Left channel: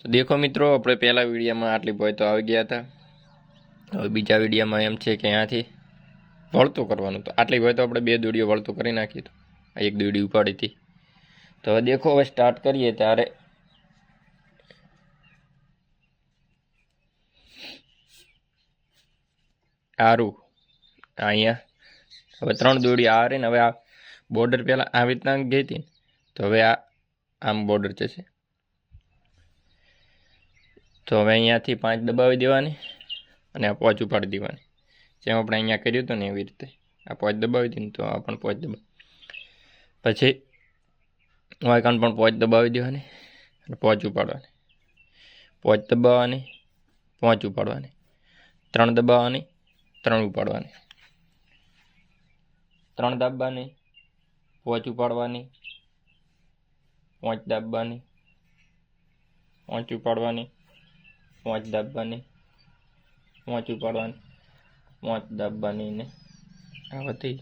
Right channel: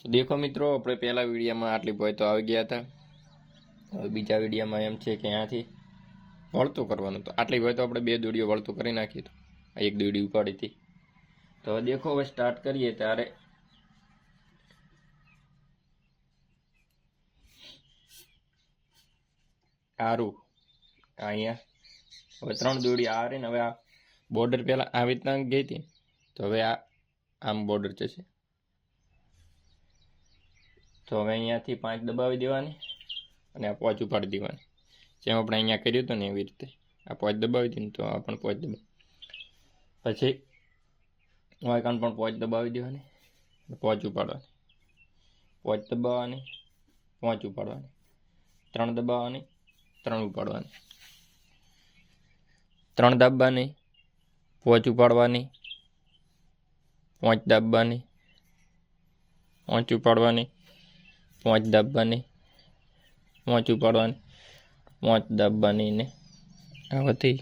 તો દેખો મિત્રો, આપણે પહેલા વિડીયોમાં આટલી ભોય તો આવી ગયા હતા. હવે બીજા વિડીયોમાં એમ છે કે અહીંયાથી વળતું કરવાનું. તો આટલી ભોય તો આપણે 2 દોડીઓ વળતું કરી નાખી હતું. આ 1 દોડી ઉપાડી હતી. તો હવે દેખો, હવે સ્ટાર્ટ કરીએ ત્યારે સારું અહીંયા હવે 3 દોડી આ રહી ને. હવે આ બોર્ડર પહેલાં આવી રીતના ગઈ હતી, તો હવે આ આમ બોર્ડર જશે. તો હવે અહીંયાથી 5 દબાવી દેવાની અને આ 5 ઉપાડી દેવાની. જેમ આપણે અહીંયા કર્યું હતું ને એવી રીતે આ 5 દબાવી દીધી, તો આ પણ 5 દબાવી, પછી વાયકાન પણ 5 દબાવી દેવાની અને 5 ઉપાડવાની, 5 દબાવવાની, 5 ઉપાડવાની, 3 દબાવવાની, 3 ઉપાડવાની, 3 દાબવાની, 5 ઉપાડવાની, 5 દાબવાની, 5 ઉપાડવાની, 5 દાબવાની, 5 ઉપાડવાની, 5 દાબવાની ને આવાથી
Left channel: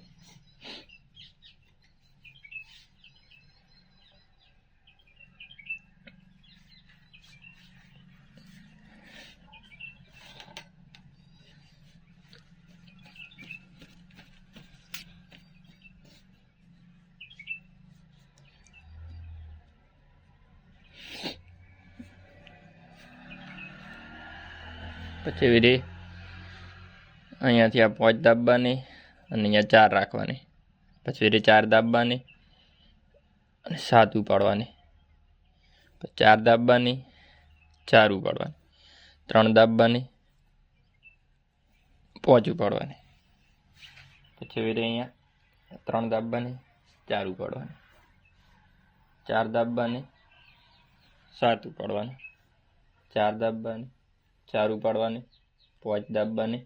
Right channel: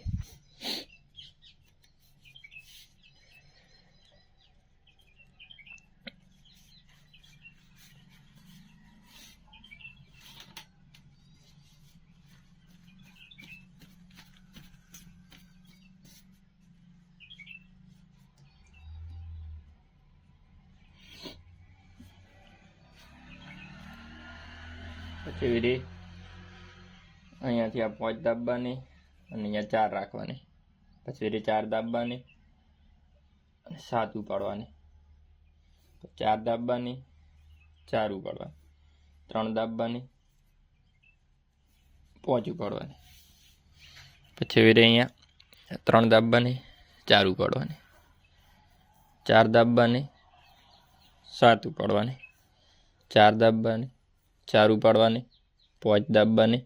પછી વિધિ અહીંયાથી આ 5 દાબવાની અને અહીંયા 4 રાખવાની, પછી વિધિ 4 દાબવાની અને 7 ઉપાડવાની, પછી 4 દાબવાની, 4 ઉપાડવાની, 3 દાબવાની, 5 ઉપાડવાની, પછી વિધિ અહીંયા 3 દાબવાની, 4 ઉપાડવાની, 4 દાબવાની, 7 ઉપાડવાની, 4 દાબવાની, 4 ઉપાડવાની, 5 દાબવાની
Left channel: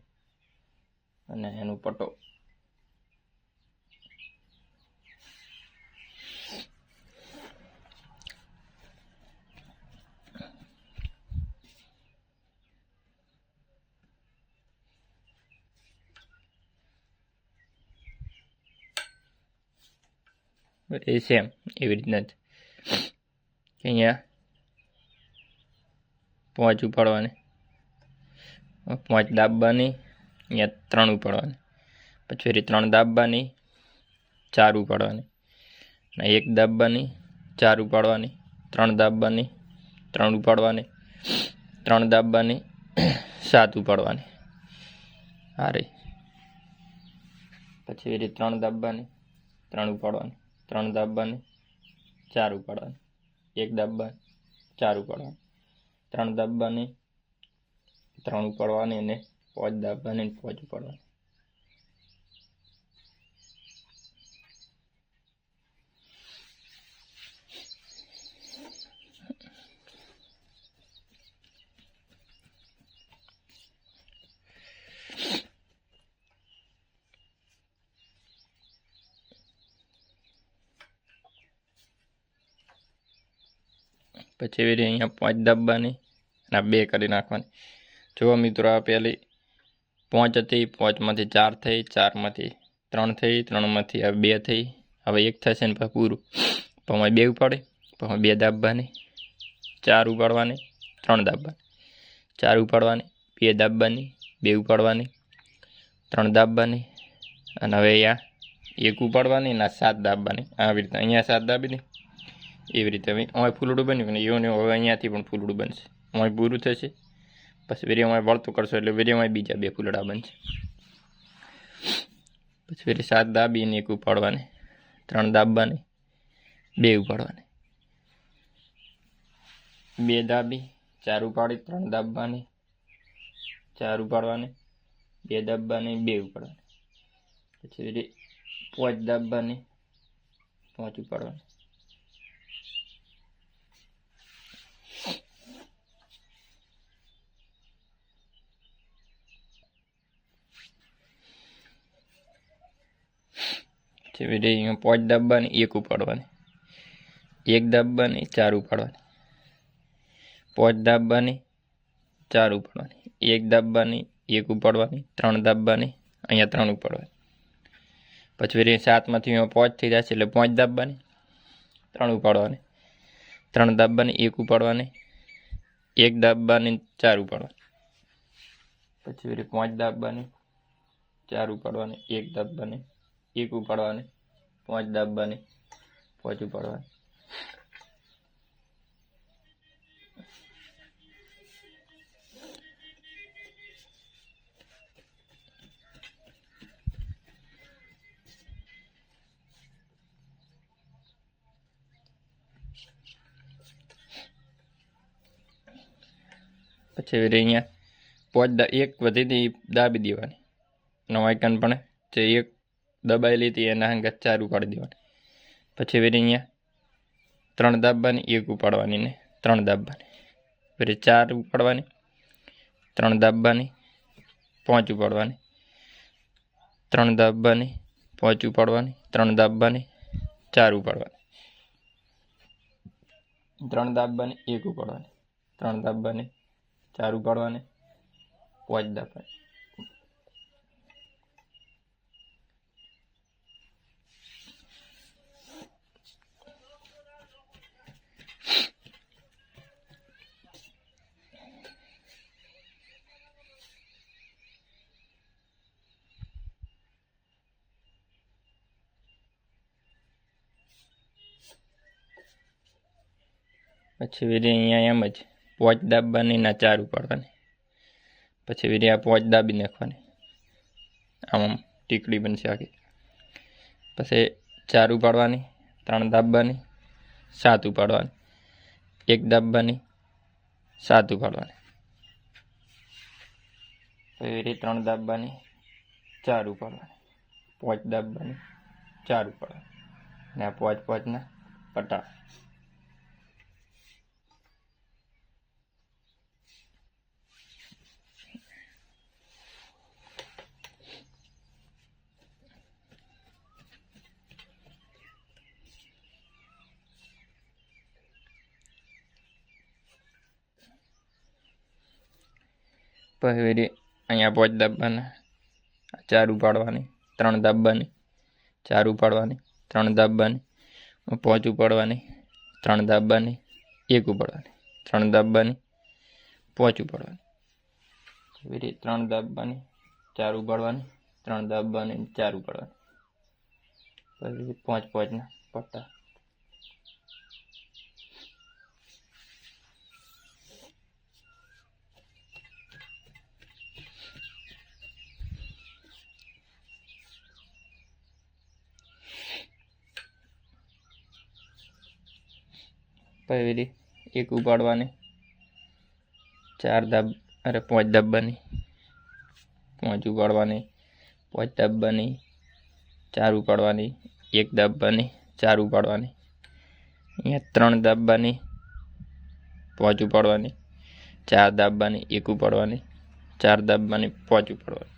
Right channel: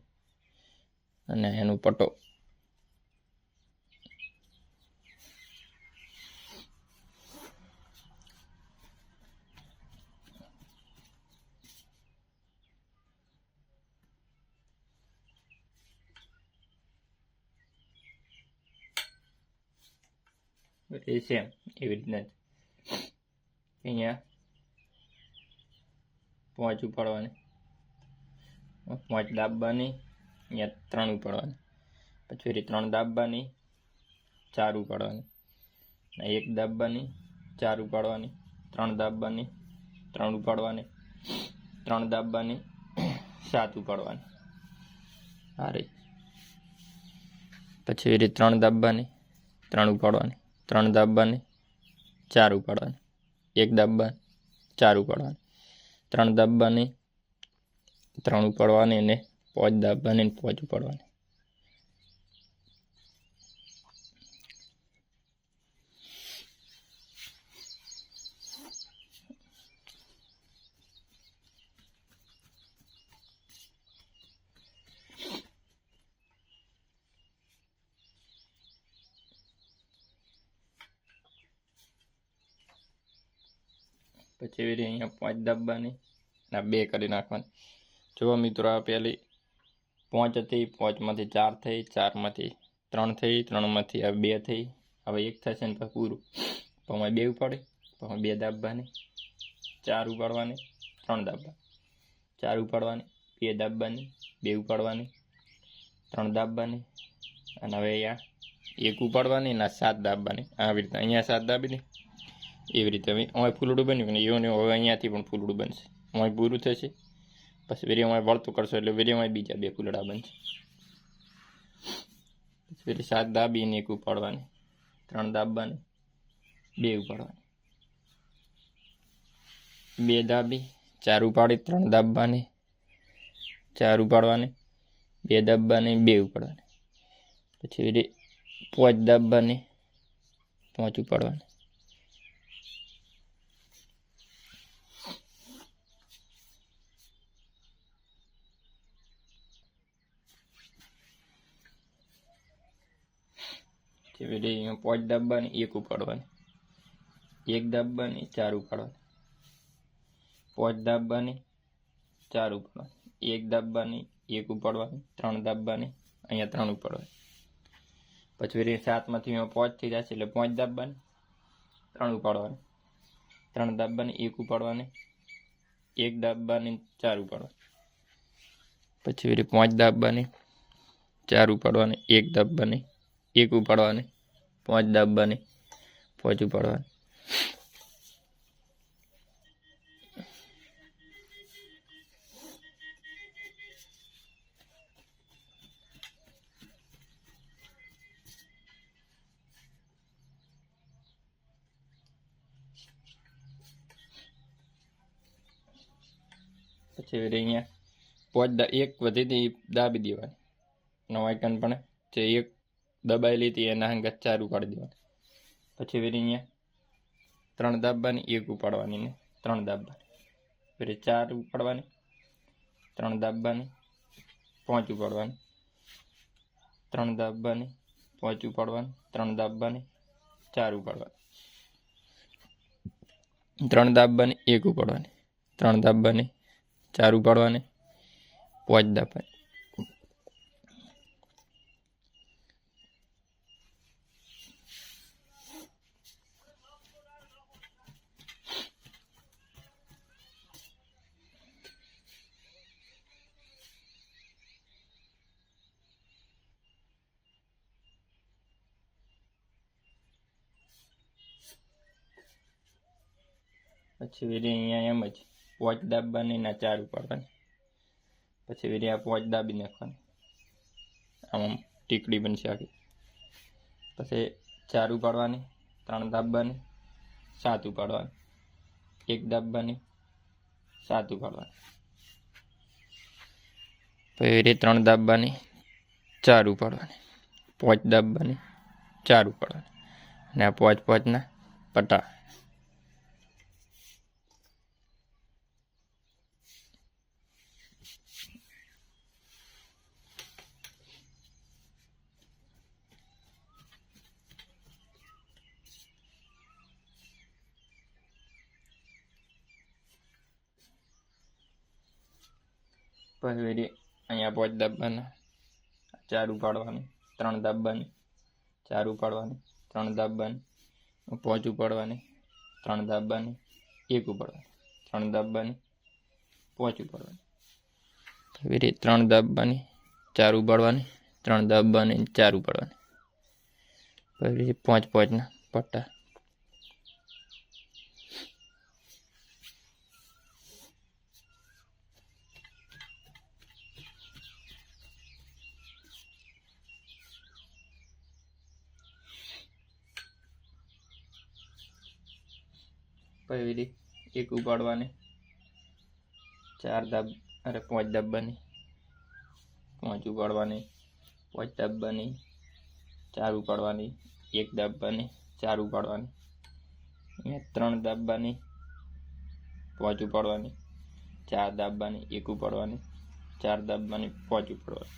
અને એનું પટો. એ સેમ એવી રીતના જ અહીંયા 5 ઉપાડવાની, 5 દાબવાની, અહીંયા 3 ઉપાડવાની, પછી 3 દાબવાની, 4 ઉપાડવાની, અને 1 દાબવાની, 4 ઉપાડવાની, 3 દાબવાની, 3 ઉપાડવાની, 3 દાબવાની, 7 ઉપાડવાની. હારે પછી 3 દાબવાની, 3 ઉપાડવાની, 3 દાબવાની, 4 ઉપાડવાની, 1 દાબવાની, 4 ઉપાડવાની, 3 દાબવાની, 3 ઉપાડવાની અને 5 દાબવાની અને 5 ઉપાડવાની. પછી એવી રીતે અહીંયા 5 દાબવાની અને આ 2 કરી નાખવાની. જો મિત્રો, આ પહેલી 5 હતી, 5માંથી 4 થઈ, 4માંથી 3 થઈ, 3માંથી આ 2 થઈ, હવે 1 થશે ને પછી પૂરું. પછી 2 ઉપાડે, પછી 2 દાબવાની, 4 ઉપાડવાની, 3 દાબવાની, 4 ઉપાડવાની, 2 દાબવાની, 2 ઉપાડવાની, 3 દાબવાની અને હવે અહીંયા 1 ઉપાડવાની અને 7 દાબવાની. આવી રીતે અહીંયા 7 દાબીને એવી રીતે હવે અમારે ફૂલડું બન્યું ને એવું હવે અહીંયાથી પણ ફૂલડું બનશે. અમારે પૂરું થશે, પછી વિડીયોમાં વળતું કરશો એટલે વિડીયોમાં બીજા 2 ફૂલડા બનશે. પછી ફરી 7 દાબીને 1 ઉપાડવાની, 3 દાબવાની, 2 ઉપાડવાની, 2 દાબી, 4 ઉપાડી, 3 દાબવાની, 4 ઉપાડવાની, 2 દાબવાની, 2 ઉપાડવાની, પછી ફરી 5 દાબવાની, 5 ઉપાડવાની. અહીંયા 5 દાબવાની, 1 ઉપાડવાની, 1 દાબવાની, 4 ઉપાડવાની, 5 દાબવાની, 4 ઉપાડવાની, 1 દાબવાની, 1 ઉપાડવાની, 3 દાબવાની, અહીંયા 3 ઉપાડવાની. પછી 7માંથી 5 થઈ જશે એટલે 5 દાબવાની, 3 ઉપાડવાની, 3 દાબવાની, 1 ઉપાડવાની, એક દાબવાની 4 ઉપાડવાની, પછી વળી 5 દાબવાની 4 ઉપાડવાની, એક દાબવાની 1 ઉપાડવાની, 5 દાબવાની 5 ઉપાડવાની, પછી વળી અહીંયા 5 એક વધી દાબી દેવાની, નવાઈકન પણ જે એક દબાઈ લીધી એના હંગાત 4 ઉપાડી દેવાની, પછી વળી અહીંયા 3 દાબવાની 1 ઉપાડવાની ને 3 દાબવાની, ફરી 4 ઉપાડવાની, 3 દાબવાની 5 ઉપાડવાની, 3 દાબવાની 5 ઉપાડવાની, 3 દાબવાની 4 ઉપાડવાની, 3 દાબવાની 1 ઉપાડવાની, 3 દાબવાની 4 ઉપાડવાની, 5 દાબવાની, પછી વળી અહીંયા એમ જ 5 દાબવાની ના 4 ઉપાડવાની, પછી વળી આ 5 દાબી નાખવાની, આમ ટીકડી બનશે આખી, પછી 4 ઉપાડવાની, 3 દાબવાની 7 ઉપાડવાની, 1 દાબવાની 7 ઉપાડવાની, પછી વળી 3 દાબવાની 4 ઉપાડવાની, 5 દાબવાની 4 ઉપાડવાની, અને આ 5 ના પટા. પછી વળી અહીંયા 5 દાબવાના, 4 ઉપાડવાની, 3 દાબવાની 4 ઉપાડવાની, 3 દાબવાની 5 ઉપાડવાની, 3 દાબવાની 1 ઉપાડવાની, 3 દાબવાની 5 ઉપાડવાની, વળી 3 દાબવાની 4 ઉપાડવાની, 3 દાબવાની 4 ઉપાડવાની, પછી 5 ના પટ્ટા. પછી વળી 1 ઉપાડવાની, 5 દાબવાની, 5 ઉપાડવાની, 5 દાબવાની, 4 ઉપાડવાની, 1 દાબવાની 4 ઉપાડવાની, અહીંયા 3 દાબવાની 5 ઉપાડવાની, 4 દાબવાની 1 ઉપાડવાની, 4 દાબવાની 5 ઉપાડવાની,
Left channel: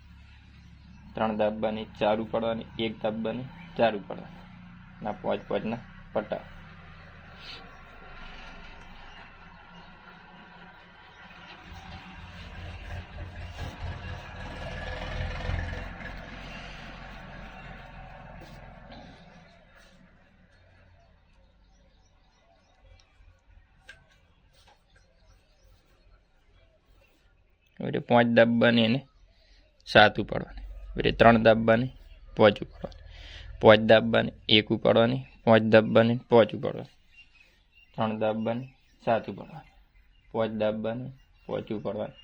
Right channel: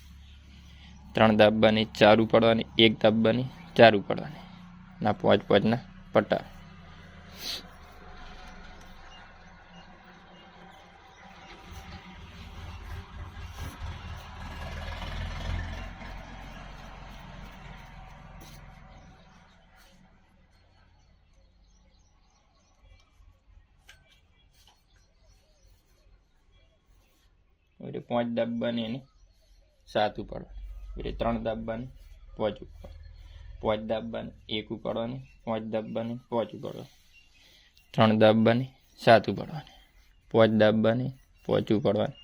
3 દાબવાની 4 ઉપાડવાની, 1 દાબવાની 4 ઉપાડવાની, ના 5 ના પટ્ટા. વળી 5 દાબવાની અને 7 ઉપાડવાની, વળી 3 દાબવાની 5 ઉપાડવાની, 5 દાબવાની 1 ઉપાડવાની, 5 દાબવાની 5 ઉપાડવાની, 3 દાબવાની 7 ઉપાડવાની, 5 દાબવાની 5 ઉપાડવાની,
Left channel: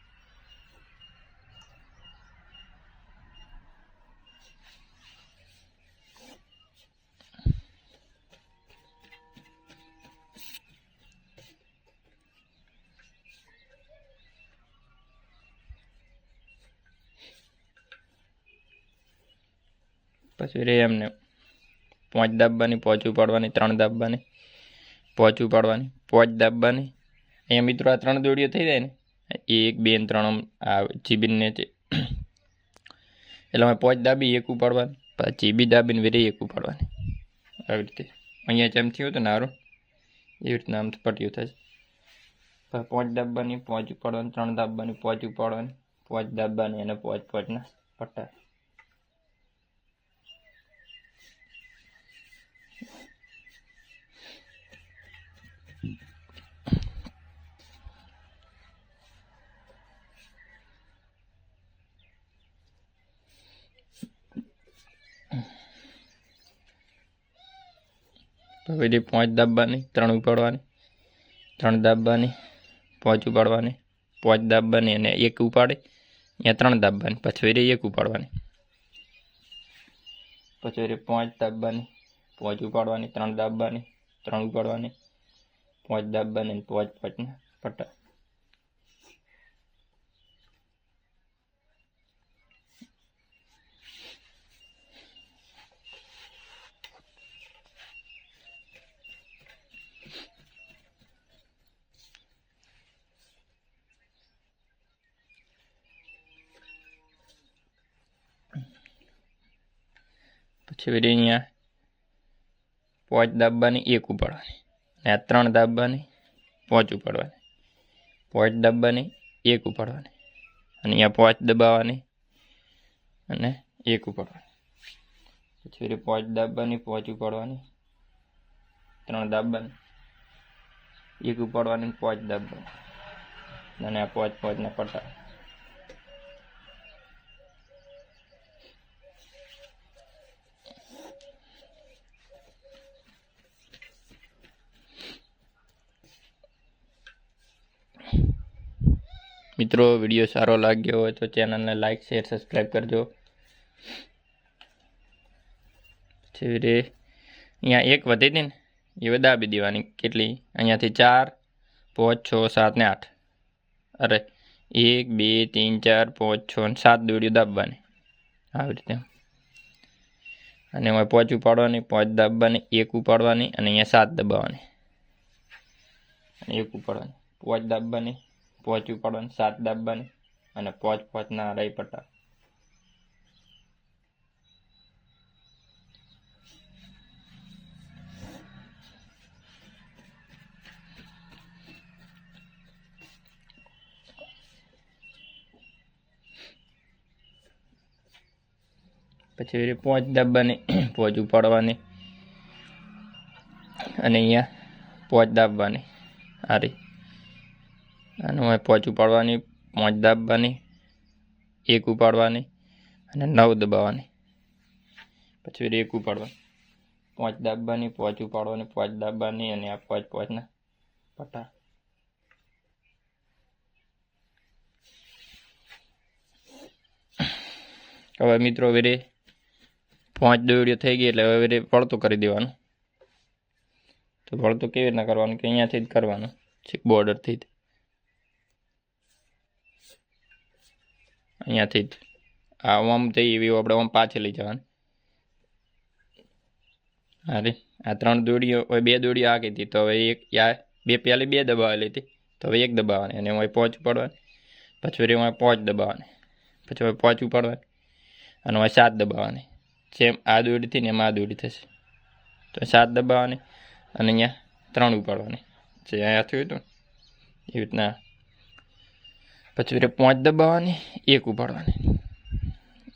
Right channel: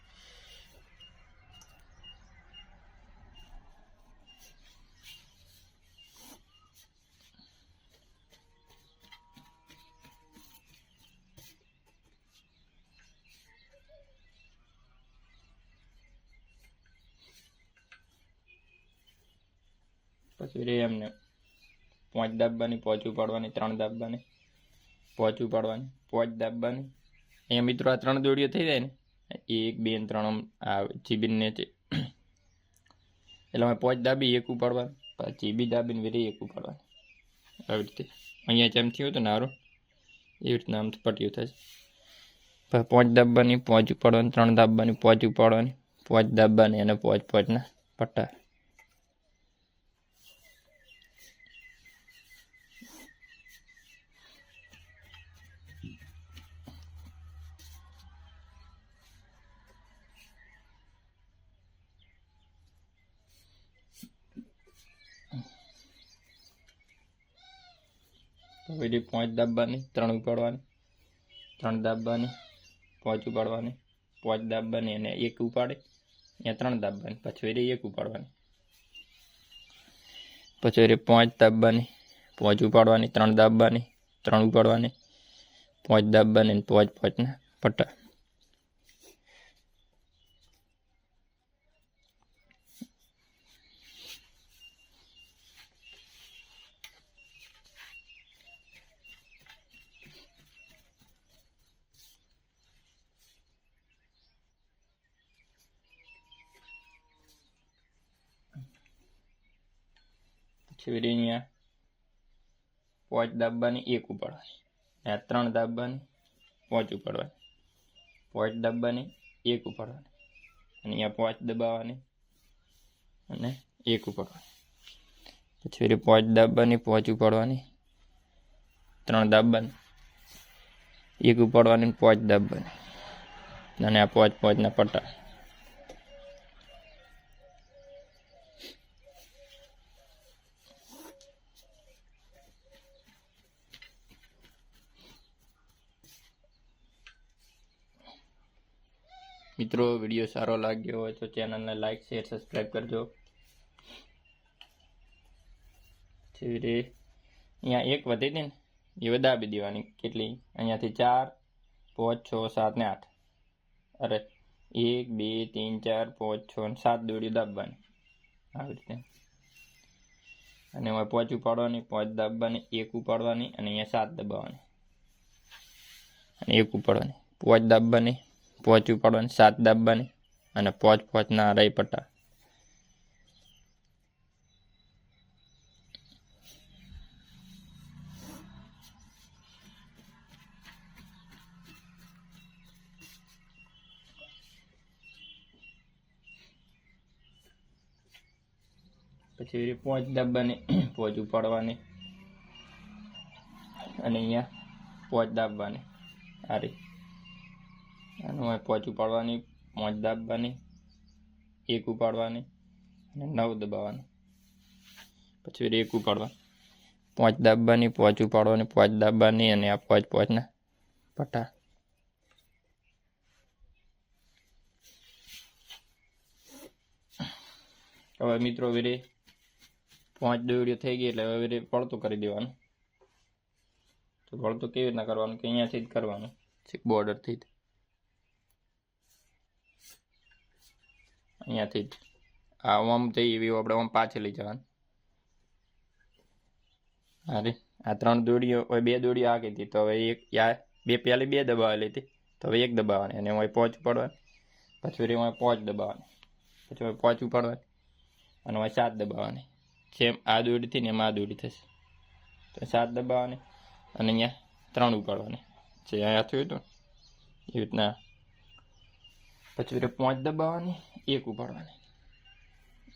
પછી રે એમને 5 દાબવાની 5 ઉપાડવાની, 3 દાબવાની 5 ઉપાડવાની, 5 દાબવાની. અહીંયા મિત્રો આ 3 દોડીઓ થઈ જાય ને, 1 2 3 આ જીબીને છે એટલે અમે 5 દાબી 1 ઉપાડવાની, પછી જીબી દાબીને વેરી 1 ઉપાડવાની, આવી રીતે. અહીંયા જેમ થયું હતું ને હારું એવી રીતના આમ પટ્ટીઓ થાય. પછી 5 દાબવાની 5 ઉપાડવાની, 3 દાબવાની 5 ઉપાડવાની, 5 દાબવાની અને 5 ના પટ્ટા. હવે 5 દાબવાની, 3 ઉપાડવાની, 3 દાબવાની, 5 ઉપાડવાની, 5 દાબવાની અને 1 ઉપાડે, અહીંયા 3 દાબવાની, પછી 1 ઉપાડવાની, પછી 5 દાબવાની, 5 ઉપાડવાની, 3 દાબવાની, 3 ઉપાડવાની, 5 દાબવાની અને 5 પટ્ટા. પછી અહીંયા 5 દાબવાની, 1 ઉપાડવાની, અને 3 દાબવાની, 5 ઉપાડવાની, 5 દાબવાની, 1 ઉપાડવાની, અને અહીંયા 5 દબાવવાની અને 1 ઉપાડવાની, પછી 5 દાબવાની, 5 ઉપાડવાની, 3 દાબવાની, 1 ઉપાડવાની, 5 દાબવાની અને આ 5 ના પટ્ટા. મિત્રો વિડીયો સારો લાગ્યો હોય તો ચેનલને લાઈક શેર સબસ્ક્રાઈબ કરજો. અહીંયા 1 વધી હતી ને એ દાબી દેવાની. કેટલી? અહીંયાથી 4 5 6 7 ને 8. અરે 1 2 3 4 5 6 અને 7 દોડીઓ દાબવાની આવી રીતે. અને એમાં 5 ઉપાડવાની, 5 દાબવાની, 1 ઉપાડવાની અને અહીંયા 7 દબાવવાની અને 1 ઉપાડવાની, 5 દાબવાની, 5 ઉપાડવાની, 7 દાબવાની અને 5 ના રહી પટ્ટા. પછી 5 દાબવાની, 5 ઉપાડવાની અને અહીંયા 5 દાબવાની આ રહી. અને 5 ઉપાડવાની, 5 દાબવાની, 1 ઉપાડવાની અને 9 દબાવવાની, પછી 1 ઉપાડવાની, 5 દાબવાની, 5 ઉપાડવાની, 5 દાબવાની અને આ 5 ના પટ્ટા. હવે મિત્રો વેરે 5 દોડીઓ થઈ ગઈ એટલે હવે વેરે વળતો કરી દેવાનું. તો વળતો કેવી રીતના કરવાનું કે અહીંયાથી જ કરવાનું છે, બોર્ડરથી જ. અહીંયાથી જ આમ થઈ એવી આપણે આમ પાછી લઈ જવાની. અરે આ 3 દોડીઓ હવે 2 દોડીઓ આ ગઈ હતી તો હવે 2 પહેલી 2 દબાવેલી હતી તો હવે 1 દબાવવાની અને એમાં 5 ઉપાડવાની, પછી એમાં 5 દબાવવાની, પછી હવે 5 ઉપાડવાની અને એમાં 7 દબાવવાની. જેમ આ દોડીથી ને એમાં આ દોડી થશે તો 7 દબાવવાની અને અહીંયા 3 ઉપાડવાની જે અહીંયા થયું હતું એવી રીતના. પછી 5 દબાવવાની, 1 ઉપાડવાની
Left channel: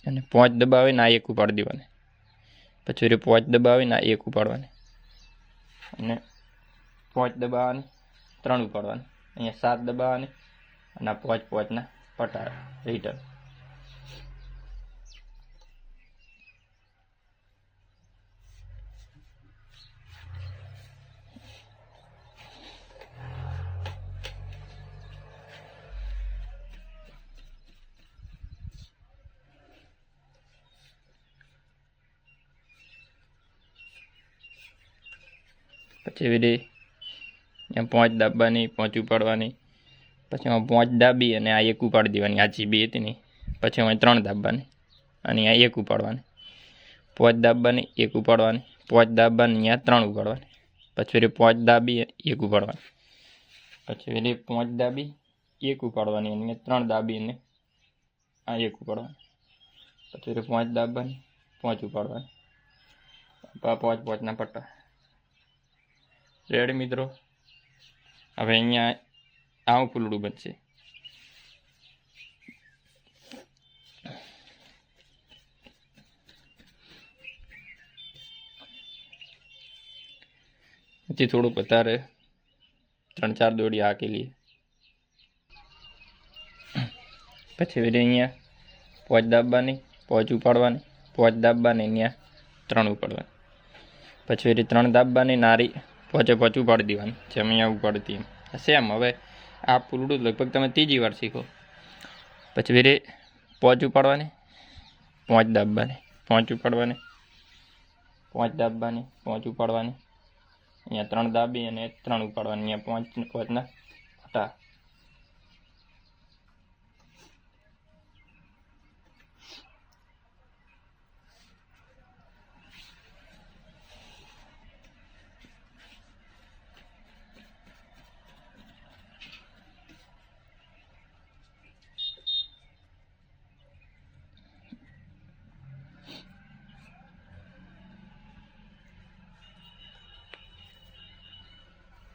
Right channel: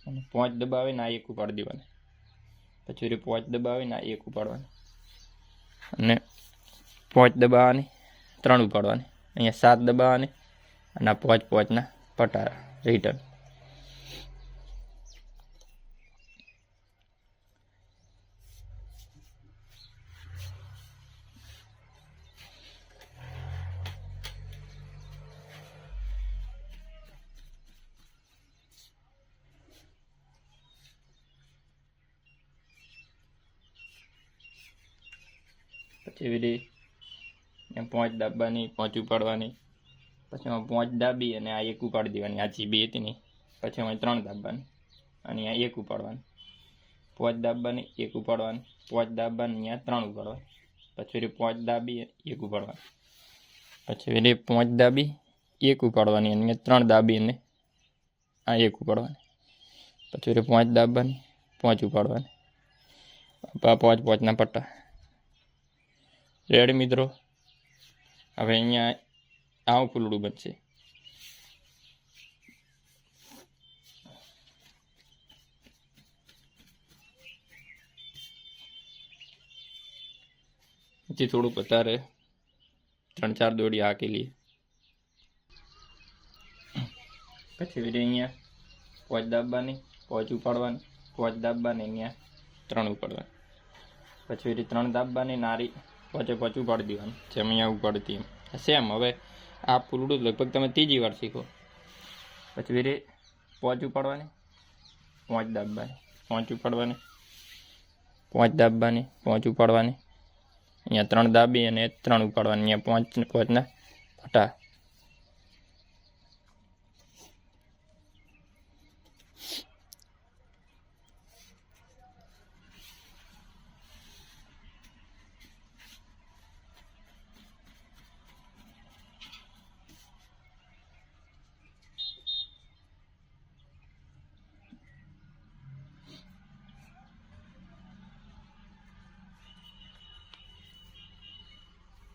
અને 5 દબાવીને આ 1 ઉપાડી દેવાની, પછી 5 દબાવીને આ 1 ઉપાડવાની અને 5 દબાવવાની, 3 ઉપાડવાની, અહીંયા 7 દબાવવાની અને આ 5 ના પટ્ટા રિટર્ન. પછી અહીંયા 5 દાબવાની, 5 ઉપાડવાની, પછી એમાં 5 દાબી અને આ 1 ઉપાડી દેવાની, આ જે 2 હતી ને. પછી એમાં 3 દાબવાની અને અહીંયા 1 ઉપાડવાની, 5 દાબવાની, 1 ઉપાડવાની, 5 દાબવાની, અહીંયા 3 ઉપાડવાની, પછી 5 દાબી 1 ઉપાડવાની, પછી 5 દાબી 1 ઉપાડવાની અને 3 દાબી અને આ 1 ઉપાડવાની, પછી 5 દાબવાની, 5 ઉપાડવાની, 5 ના પટ્ટા. રેડી મિત્રો. હવે અહીંયા આવું ફૂલડું બનશે. પછી થોડુંક વધારે 3-4 દોડી હાકી લઈએ. પછી અહીંયા 5 દાબવાની, 5 ઉપાડવાની, 5 દાબવાની, અહીંયા 3 ઉપાડવાની, પછી ફરી 3 દાબવાની, નારી પોચે પોચ ઉપાડી દેવાની, જેમ અહીંયા ઉપાડતી એમ સેમ. હવે આ ફૂલડું લગભગ તમે ત્રીજી વાર શીખો. પછી ફરી પોચ ઉપાડવાની, 5 દાબવાની, 5 ઉપાડવાની, 5 દાબવાની, 5 ઉપાડવાની, અહીંયા 3 દાબી અને 3 ઉપાડવાની, અહીંયા 5ના ફટા.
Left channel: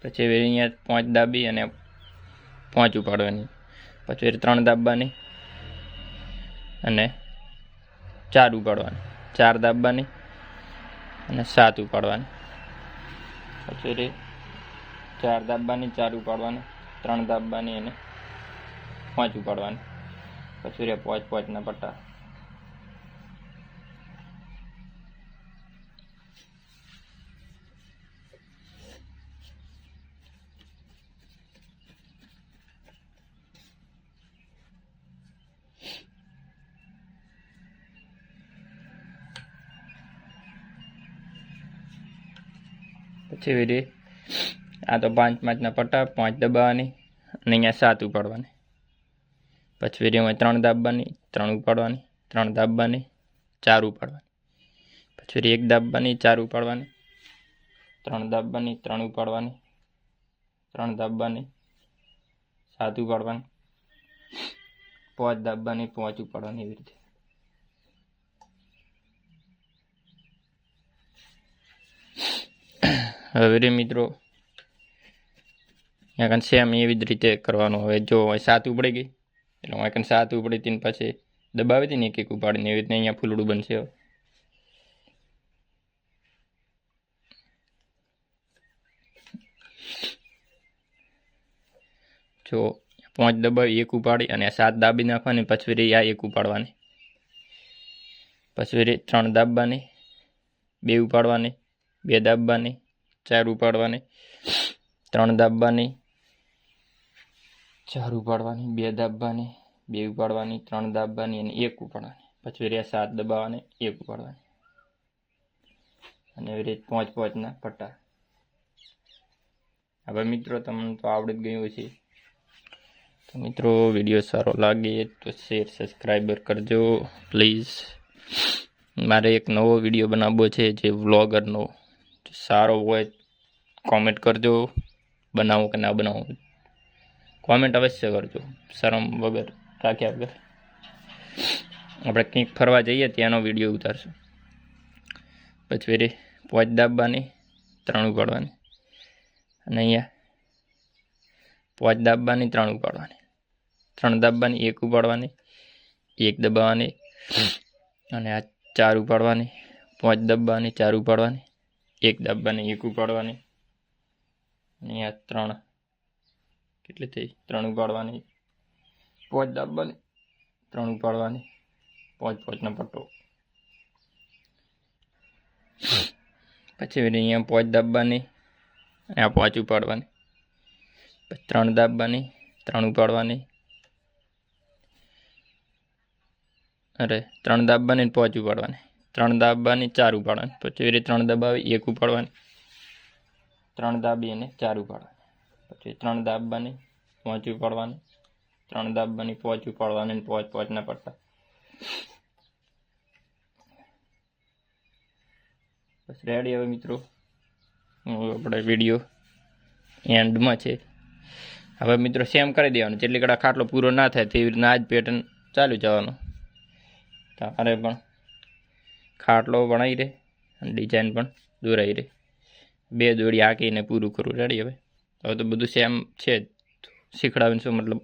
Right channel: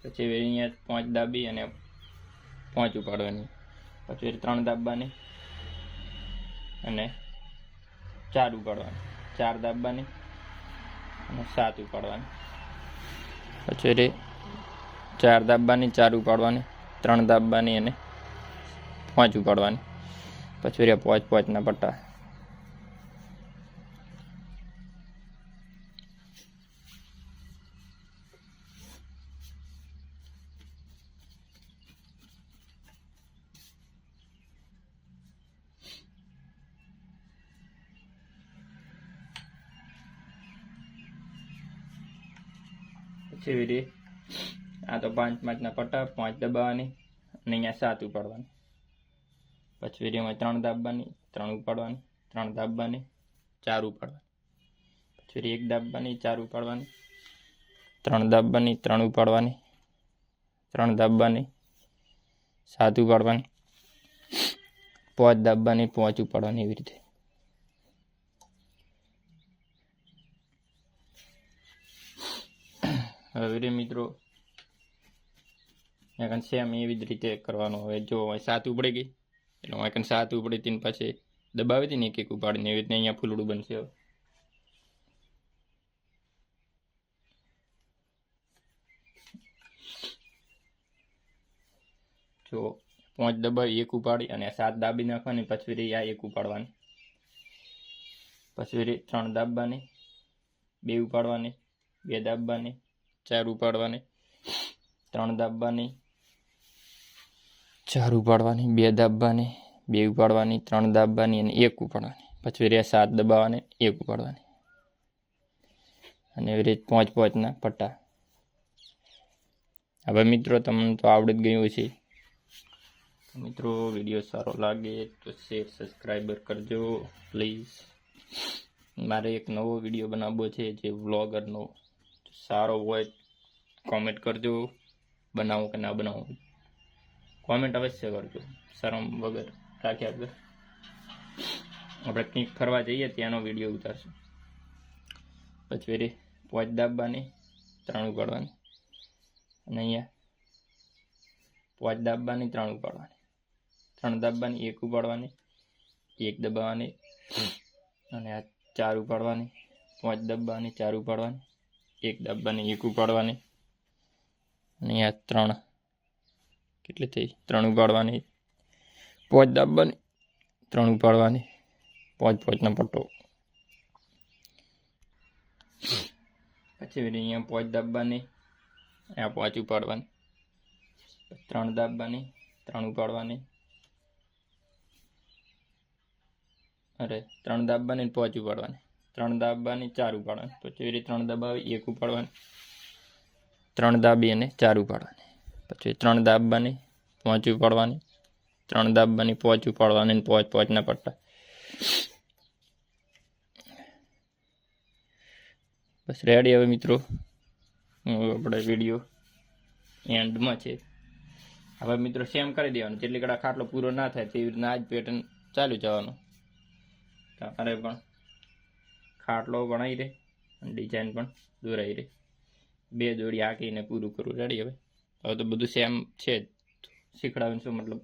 પછી અહીંયા 5 દાબી અને 5 ઉપાડવાની, પછી 3 દાબવાની અને 4 ઉપાડવાની, 4 દાબવાની અને 7 ઉપાડવાની, પછી 4 દાબવાની, 4 ઉપાડવાની, 3 દાબવાની અને 5 ઉપાડવાની, પછી 5 ના પટ્ટા. પછી વિડીયો આ તો 5 પટ્ટા, 5 દબાવવાની અને અહીંયા 7 ઉપાડવાની, પછી વિડીયોમાં 3 દાબવાની, 3 ઉપાડવાની, 3 દાબવાની, 4 ઉપાડવાની, પછી 1 દાબવાની, 4 ઉપાડવાની, 3 દાબવાની, 3 ઉપાડવાની, 3 દાબવાની, 7 ઉપાડવાની, 5 દાબવાની, 5 ઉપાડવાની, એવી રીતે. હવે મિત્રો અહીંયા સેમ એવી જ રીતે કરવાનું. હવે જો 7 ઉપડી ગઈ એટલે હું અહીંયા 7 ઉપડી હતી ને પછી દબાવી હતી ને એક ઉપાડીને, એવી રીતે અહીંયા ફૂલડું બનશે. હવે જો 5 દબાવી, 1 ઉપાડી અને 7 દાબી નાખવાની, પછી આ 1 ઉપાડવાની, પછી 3 દાબવાની, 2 ઉપાડવાની, 2 દાબવાની, 4 ઉપાડવાની, 3 દાબવાની, 4 ઉપાડવાની, 2 દાબવાની, 2 ઉપાડવાની, 3 દાબવાની અને 1 ઉપાડવાની, પછી 7 દબાવવાની, 1 ઉપાડવાની, અને એવી રીતે 5 પટ્ટા. હવે મિત્રો તમને તો આવડી જ ગયું છે. તો મિત્રો વિડીયો સારો લાગે તો શેર, સબસ્ક્રાઈબર કરજો પ્લીઝ. મારે એક નવો વિડીયો બનાવવો છે જે વ્લોગરનો. સારો હોય કોમેન્ટ કરજો, બનાવો કે ના બનાવો, કોમેન્ટ અવશ્ય કરજો, શરમ વગર રાખ્યા વગર. આપણે કંઈક ફરવા જઈએ ત્યાંનો વિડીયો ઉતારશું. પછી 5 દાબવાની, 3 ઉપાડવાની, અને અહીંયા 5 દાબવાની, 3 ઉપાડવાની, 3 દાબવાની, 1 ઉપાડવાની, 1 દબાવવાની અને આ 4 ઉપાડવાની, 5 દબાવવાની, 4 ઉપાડવાની, 1 દાબવાની, 1 ઉપાડવાની, અને અહીંયા 3 કેટલી થઈ, 3 ઉપાડવાની, 5 દાબવાની, 3 ઉપાડવાની, 5 પટ્ટો. પછી અહીંયા 5 દાબવાની, આ 5 ઉપાડવાની, પછી 3 દાબવાની, 3 ઉપાડવાની, 3 દાબવાની 5 ઉપાડવાની, 3 દાબવાની, 4 ઉપાડવાની, પછી 3 દબાવી, 1 ઉપાડવાની, 3 દાબી અને 4 ઉપાડવાની, પછી 3 દાબવાની, 5 ઉપાડવાની, 3 દાબવાની, 5 ઉપાડવાની અને 5 પટ્ટા. બસ રેડી. હવે મિત્રો આપણે વિડીયો એન્ડમાં છે. હવે મિત્રો સેમ કરી દેવાનું, જેટલી કડા ખાટલો પૂરો ના થાય તેવી રીતના આ જ પેટર્ન ચાલુ જવાનું. તમારે પણ ખાટલો બનાવી રહે અને ડિઝાઇન પણ દોરાઈ રહે. 2 દોડી હાંકીને પૂરું કરું. રેડી. હવે તો બધું સેમ છે, શીખડાવીને શું મતલબ.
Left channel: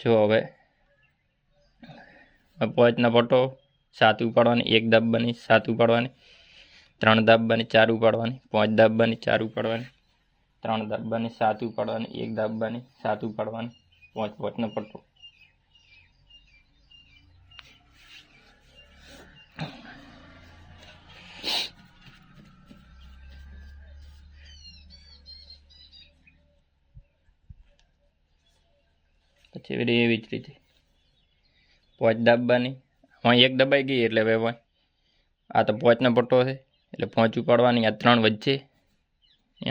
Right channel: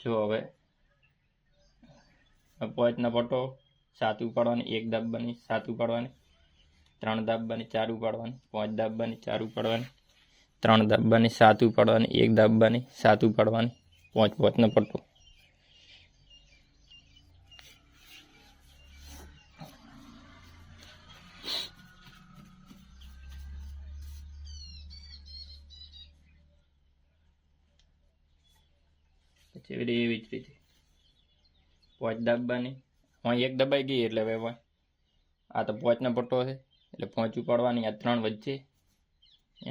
જો હવે 5 પટ્ટો, 7 ઉપાડવાની, 1 દાબવાની, 7 ઉપાડવાની, 3 દાબવાની, 4 ઉપાડવાની, 5 દાબવાની, 4 ઉપાડવાની, 3 દાબવાની, 7 ઉપાડવાની, 1 દાબવાની, 7 ઉપાડવાની, 5 પટ્ટો. પછી એવી જ રીતે પોચ દાબવાની. અહીં એક દબાઈ ગઈ એટલે હવે આ તો પોચનો પટ્ટો છે એટલે પોચ ઉપાડવાની. આ 3 વચ્ચે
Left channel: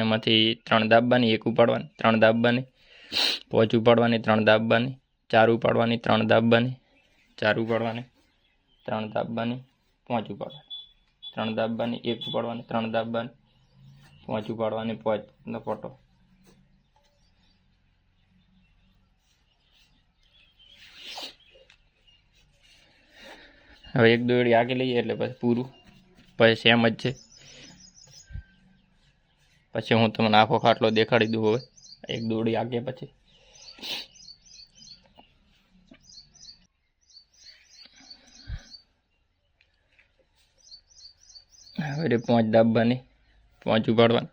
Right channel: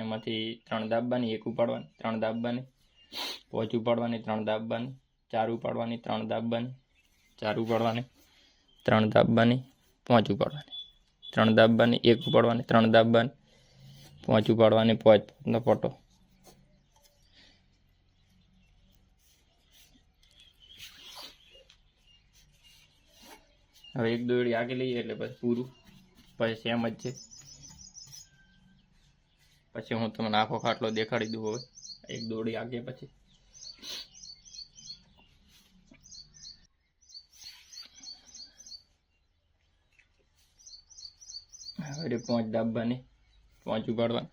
એમાંથી 3 દાબવાની, 1 ઉપાડવાની, 3 દાબવાની, પોચ ઉપાડવાની, 3 દાબવાની, 4 ઉપાડવાની, 3 દાબવાની, 4 ઉપાડવાની, 3 દાબવાની, પોચ ઉપાડવાની, 3 દાબવાની, 1 ઉપાડવાની, 3 દાબવાની, પોચ ઉપાડવાની, પોચનો પટ્ટો. હવે એક દોરડી આગળ લઈએ એટલે પછી પૂરું. પછી સેમ જ છે. પછી હું તમને આખો ખાટલો દેખાડી દઉં. હવે એક દોરડી આગળ પછી હવે 5 દાબવાની, 5 ઉપાડવાની,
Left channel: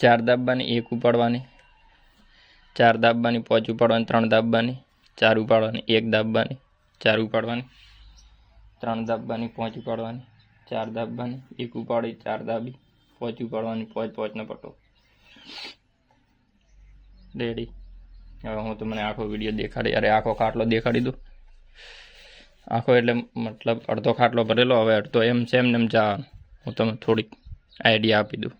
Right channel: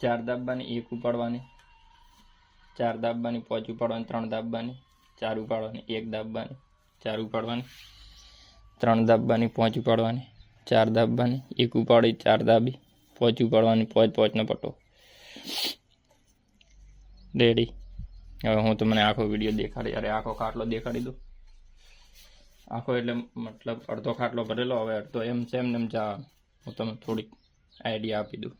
4 દાબવાની, 1 ઉપાડવાની, 4 દાબવાની, 5 ઉપાડવાની, 3 દાબવાની, 4 ઉપાડવાની, 1 દાબવાની, 4 ઉપાડવાની, 3 દાબવાની, 5 ઉપાડવાની, 4 દાબવાની, 1 ઉપાડી, 4 દાબી, 5 ઉપાડવાની, પોચનો પટ્ટો રેડી. હવે હું તમને આખો વિડીયો દેખાડી, અરે આખો ખાટલો દેખાડી દઉં. આખો એટલે મતલબ અડધો ખાટલો ભરેલો. હવે અડધો એમ છે એમ જવાનું. હું તમને થોડીક આઈડિયા આપી દઉં.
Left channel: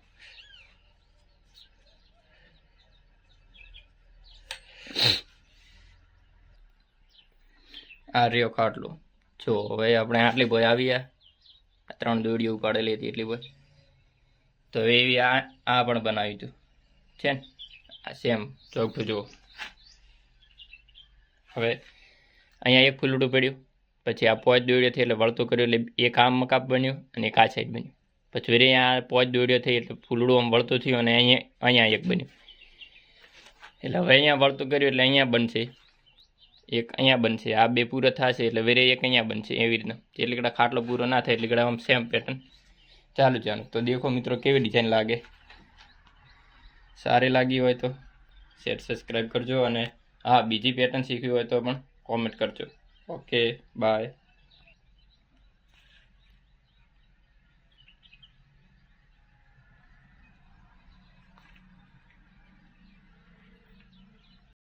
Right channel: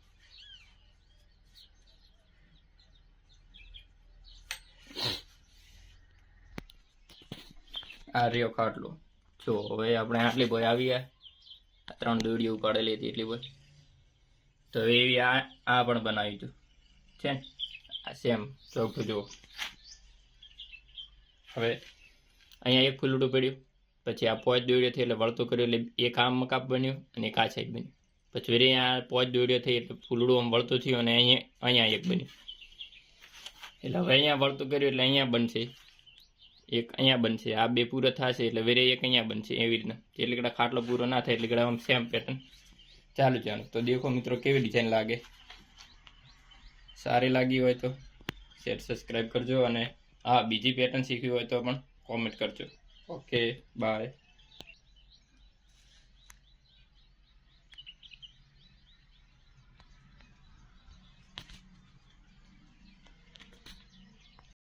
આ રહ્યો ખાટલો. જો હવે આપણે આટલી બોય આવી ગયા. 3 દોડીઓ ઉપાડેલી હતી એટલી બોય. તો એવી આ પણ બનાવી હતું છે ને. આ સેમ ચોખ્ખું જુઓ. હવે અહીંયા એક ફૂલડું પડ્યું. પછી આ 5 દોડીઓ થઈ એટલે વળતું કર્યું એટલે એક આમ મકાપ બન્યું અને એક આ સાઈડ બન્યું. પછી વળી અહીંયા 5 દોડીઓ થઈ એટલે ફૂલડું આમ વળતું થયું અને અહીંયા એક બન્યું. એટલે હવે અહીંયા વળતું કર્યું એટલે અહીંયા બનશે એક, અહીંયા બનશે. આ 2 પૂરો થશે એટલે વેરે એક અહીંયા બનશે. એવી રીતના એટલે કડા ખાટલો પૂરો ના થાય એટલે કડા આમ સેમ પેટર્ન ચાલુ. તો દેખો મિત્રો કેવી ડિઝાઇન લાગે. સારી લાગી હોય તો શેર સબસ્ક્રાઈબ કરજો અને હા બીજી પેટર્ન શીખવી હોય તો પણ કોમેન્ટ કરજો. Okay bye.